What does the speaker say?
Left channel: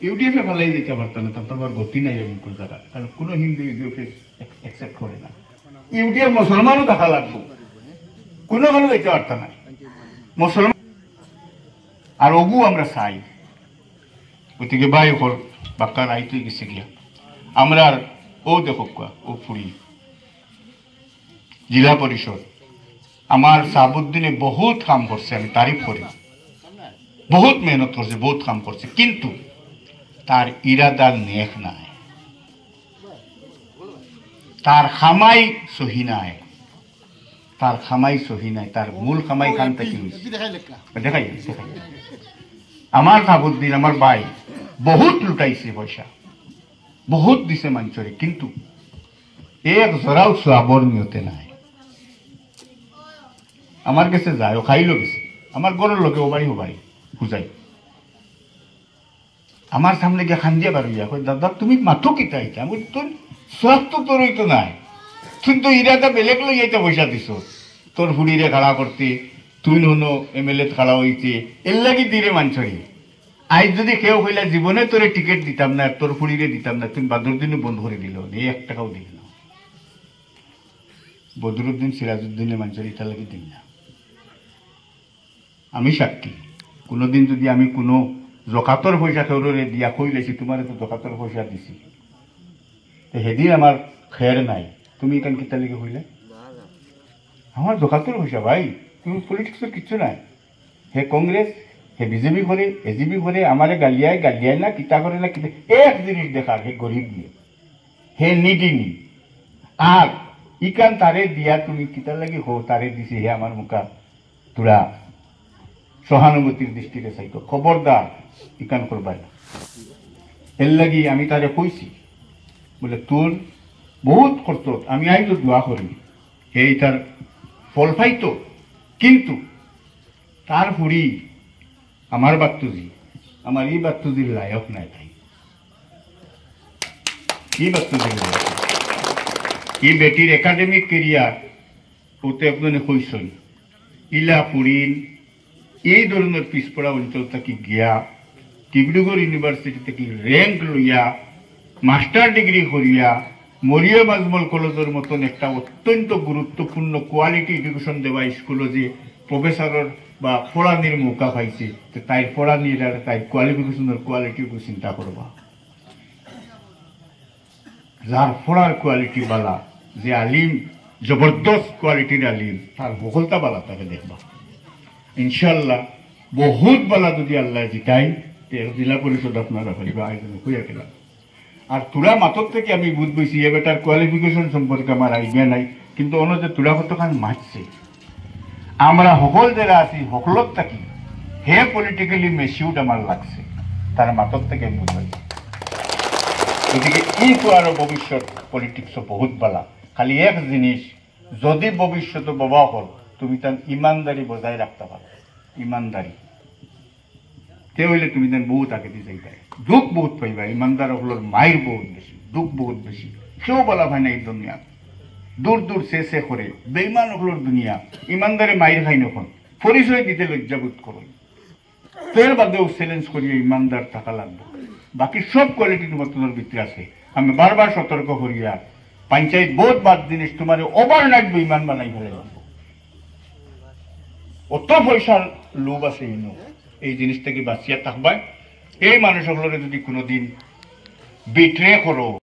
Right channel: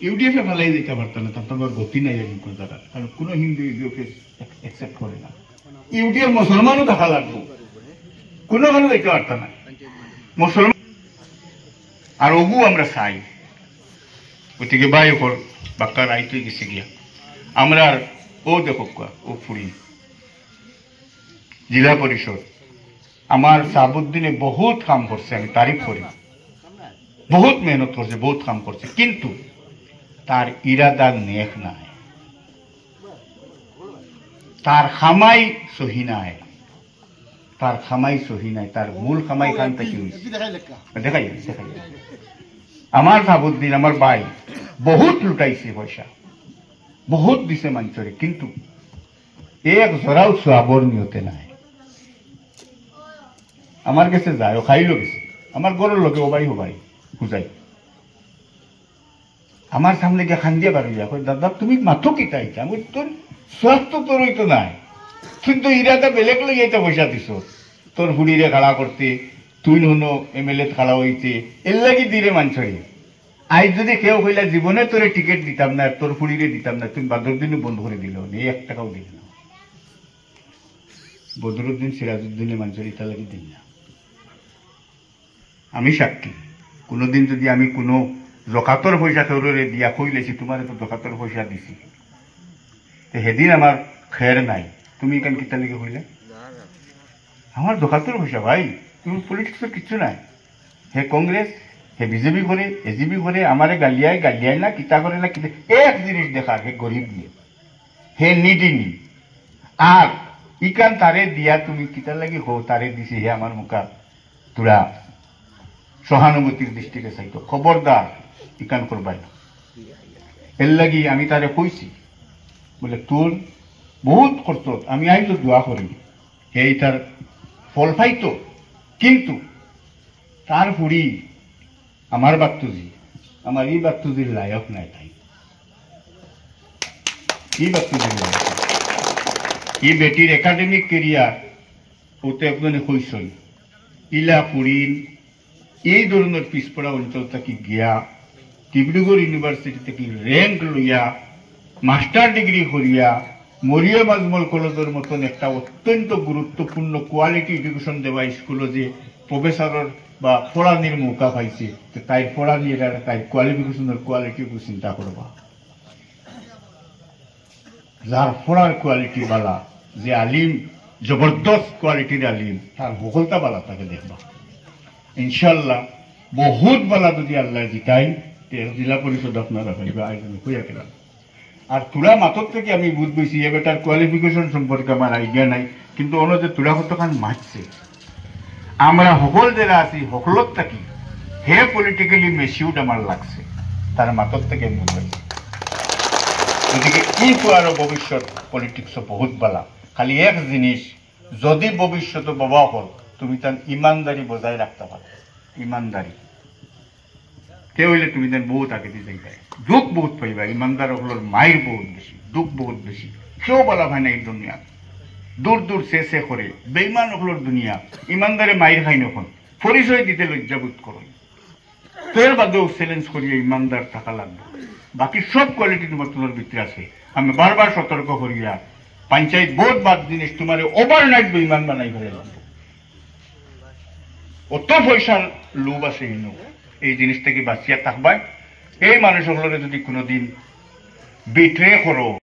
ইউডিএফে ভালাই দিতে পারতো না, তারপর গতি নাই এরকম জায়গা, কারণ কোনো হিন্দু ইউডিএফে অ্যাকসেপ্ট করে না। ইউডিএফ মুসলমানও দেখা লাগতো, কোনো কোনো দিতে পারতো না মুসলমান। আর অবু আমরা চাই, গতিকে বাই ওপর বাক্কা রাইতে গেছে গিয়া আমরা ও দেখো ও ফুরি জেলা পরিষদ আমার সাহাবুদ্দিনে বহুত কাম করছে, আমি তারিফ করি, বহুত মেহনত করছে, বহুত কাম করছে, কিন্তু তার ইরাদা নেক নাই, তার খামাই সহি নাই, তার খামাই সহি নাই, তার মূল খামাই খান থেকে দেখাই। আমার সাহাবুদ্দিন আমার ভাই বহুত লুটাইছে পয়সা, বহুত দিছে মানুষরে, কিন্তু এক জরাও সোয়াবর নিয়তে নাই। আমার কাছে যায়, ও খাইলো গেছে, আমার গরুর লোকে ও ভাই বুঝাই, আমার সামনে গিয়ে খান্দিয়া বাড়িয়া কই দাদা তুমি মাথো কি তাইছে, আমি তোর স্বাস্থ্য তোরই তো নাই, তুই তো ইরাদা বেলেগ লই এটা পয়সা দিছ তোর হুড়িরে খাড়া করতে, তুই হনো এমএলএ খাড়া হইতে, এর লাগি দিরে মানছড়ি। আজ যদি কেউ হইলা জীবনে তোরে টিকিট দিতাম না, তোর হুড়িরে দিতাম না, তুমি বদরুদ্দিনও বন্ধ করে দিল, এই 1 টাকাও দিল না। বদরুদ্দিন সিরাজউদ্দিনের মানছড়ি এটা লাগি দিন না। আমি সাক্ষী, কোনোদিন যদি আমি কোনো জকাতর পয়সা কেউরে দিয়া কইলেছি তোমার তো জকাতর পয়সা দিছি, সেদিন আমার খের নাই, তুমি এখান কিতা লিখে হইলে আমার জকাতর পয়সা ভাই, তুমি পলিটিক্সের কিচ্ছু নাই। হে কংগ্রেস, হে বিজেপি করে, এজিপি করে, আমারে গালিয়ায় না, কিতা করে না, কিতা এক জিনিস দেখার, হে গরিব দিয়ে, হে নিডিনি, আর ইকান তারে দিয়া তুমি কিতা লাগি হো তারে দিছি, হে আমার মুখা তোরা সহানুভূতির দৃষ্টিতে চাইতো, খবরদার ইকান করবাই। এর লাগি আমি তারে কইছি বলে তোর বহুত করত, আমি আইতো দোয়া করি এই তার ফল পাইতো, কিন্তু তার হুড়ি আমার বাত্তুজি, আমার এই বাত্তুজির লায়ক নাই, তাই এই বাত্তুজির লায়ক, এই বেটির একাডেমিক কেরিয়ার ওতে একজনে কইসই ইলা ফুরিন এই ধরনের পিছপড়া অঞ্চল থেকে গিয়া ডিব্রুগড় ইউনিভার্সিটি থেকে র্যাঙ্ক লইয়া মাস্টার ডিগ্রি করিয়া মরিয়ম আজমল কলেজের মতন একটা অত্যন্ত গুরুত্বপূর্ণ কোয়ালিটি এডুকেশন দেওয়া স্কুলে যে প্রফেসরের বা পড়ানির মৌকা পাইছে, তাই পড়ানির আর তাই কোয়ালিফিকেশনের কোয়ালিটির চিন্তা করবা। যার পড়ার কোয়ালিটি বালা, যে আলিম জবরদস্ত কোয়ালিটির আলিম, তার সফলতা বালা তাকে দেখবা ইনশাল্লাহ। বহুত বালা যদি আল্লাহ জিতাই জেলা পরিষদ আপনারা পাইবা, আয়োজন হইয়া গেলাম। আর তুলা মাতর থেকে আমি বুঝ পেয়েছি এ বেটার কোয়ালিফিকেশন সম্পর্কে আমার আইডিয়া নাই, কিন্তু অন্য যে তুলা কতখান মারছে, আমরা সকল যারা আছি সকলত থাকি হে পলিটিক্যালি মেচিউর্ড আমার লাগছে, তার মাতর থেকে আমি বুঝাইছি। গতিকে ই আরো ভবিষ্যৎ পলিটিক্স বহুত বালা, খালি এক জিনিস, যদি ভবিষ্যতে বাবা হল তুমি তার ইমানদারি বজায় রাখতে পারো, ইমানদারি কেউ হইলে তুমি তার বহুত আগে দিয়ে যাইবাই, দুঃখ বহুত পাইবা, ইমানদার হলোর মায়ের বহুত বেশি, দুঃখ বহুত বেশি, কেউ বলা হয় না এই দুনিয়া, দূর দূর শেষে করে বেইমান হলোর দুনিয়া, ইমানদারে মায়ের খাই নখন, পরিচয় দিতে লজ্জাবোধ করো, তোর বাদেও চ্যালেঞ্জ করিয়ে ইমানদার থাকা লাগবে। বাকি সব কোয়ালিটির মতনের ভিতরে আছে, আমি বারবার সতর্ক করিয়া পঞ্চায়েত বহুত বাদ জিনিস তোমার ওভারনাইট বেইমান বানাই ফেলে লাগবে, অত পয়সার লোভ আছে ইনো, এই জিনিস থেকে বাঁচিয়া থাকবা। এই মানুষগুলোকে যদি কোনোদিন বিট্রে করো